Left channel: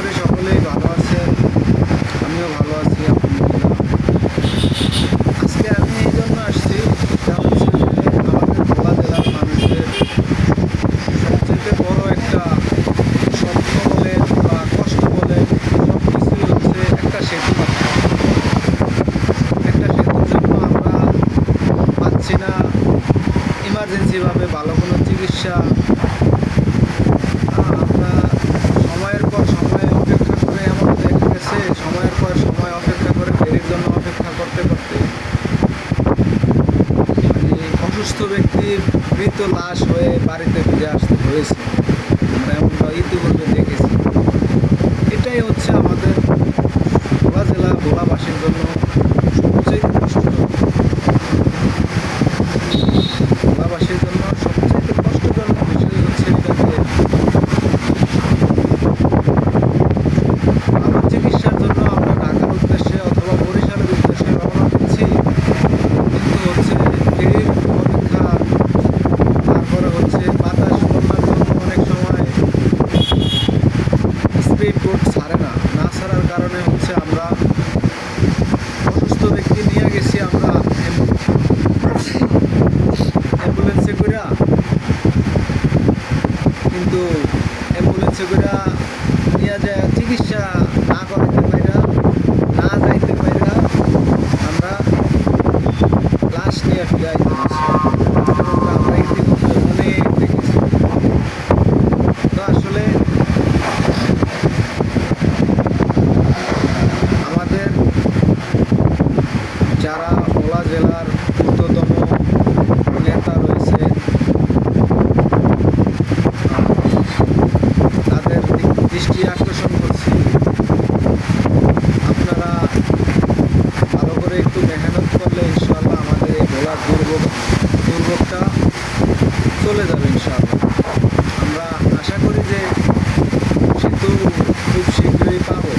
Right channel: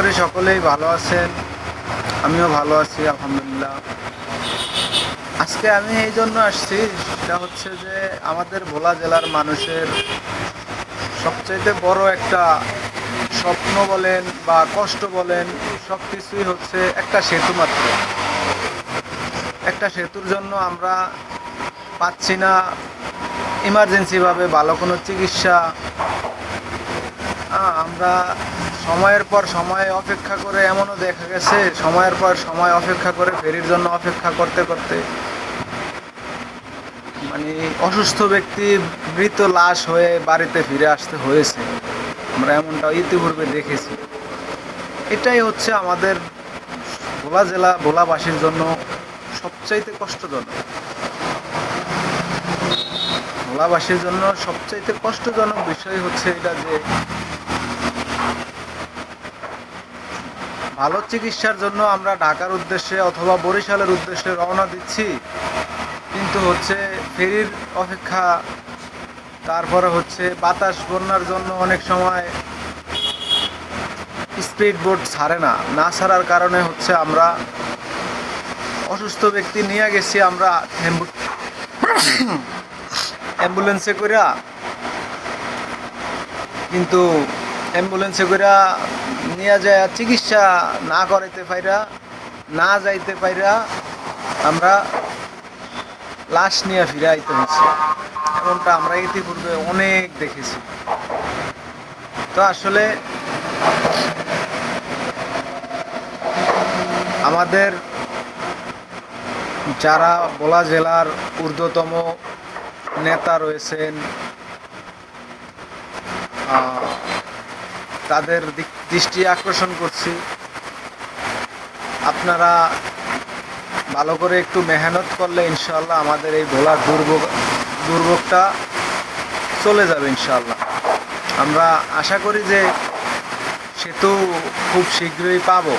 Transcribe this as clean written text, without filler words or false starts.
করি সকলেই ভালো আছেন। আমিও ভালো আছি আলহামদুলিল্লাহ। আজকে আমি এই জন্য আসছি, এটা হচ্ছে যে আমাদের ভোলা জেলার মানুষের সবচেয়ে বড় একটা স্বপ্ন বলেন বা কষ্ট বলেন, সব কিছুই হচ্ছে একটা সেতু মাত্র। একটা সেতুর জন্য আমরা পাচ্ছি না ইমার্জেন্সিভাবে ভালো কোনো চিকিৎসা। আমরা সময়ের পর সময় অপেক্ষা করে, এমনও দেখা গেছে সময়ের পর সময় অপেক্ষা করে ফেরির জন্য অপেক্ষা করতে করতে মানে অসুস্থ ব্যক্তির মৃত লাশ হয়ে বাড়িতে ফিরে আসতে হয়েছে। আমরা এমনটা ইতিপূর্বে দেখেছি। এটাই হচ্ছে আমাদের ভোলা জেলা ভোলাবাসীর জন্য সবচাইতে কষ্টজনক। ভোলাবাসীর জন্য সবচাইতে কষ্টজনক বিষয় হচ্ছে এটা যে ভালো চিকিৎসার জন্য আমরা ঢাকার উদ্দেশ্যে অথবা বরিশালের উদ্দেশ্যে রওনা দিচ্ছি, কিন্তু হচ্ছে ফেরির অপেক্ষা, তারপরে হচ্ছে বাতাস বন্যার জন্য অনেক সময় স্পিড বোট ছাড়ে না ছাড়ার কারণে হচ্ছে আমরা অসুস্থ ব্যক্তি নিয়ে গেছি আমরা অ্যাম্বুলেন্সে কইরা, কিন্তু অ্যাম্বুলেন্সে কইরা নিয়ে যায় চিকিৎসা না করাইতে পাইরা, না যাইতে পাইরা আমরা লাশ নিয়ে ফিরে আইতে পারছি। এমনটা আমরা ইতিপূর্বে অনেক দেখেছি। তো আসলে আমাদের যারা ভোলা জেলার ঊর্ধ্বতম নেতা রয়েছেন, তাদের দৃষ্টি আকর্ষণ করছি, আপনারা ভালো করে একটু মেহনত করলে ইনশাআল্লাহ আমাদের এই ভোলার দুর্ভোগটা চলে যাবে ইনশাআল্লাহ। আমরা আশা করি যে সেতু খুব শীঘ্রই পাবো।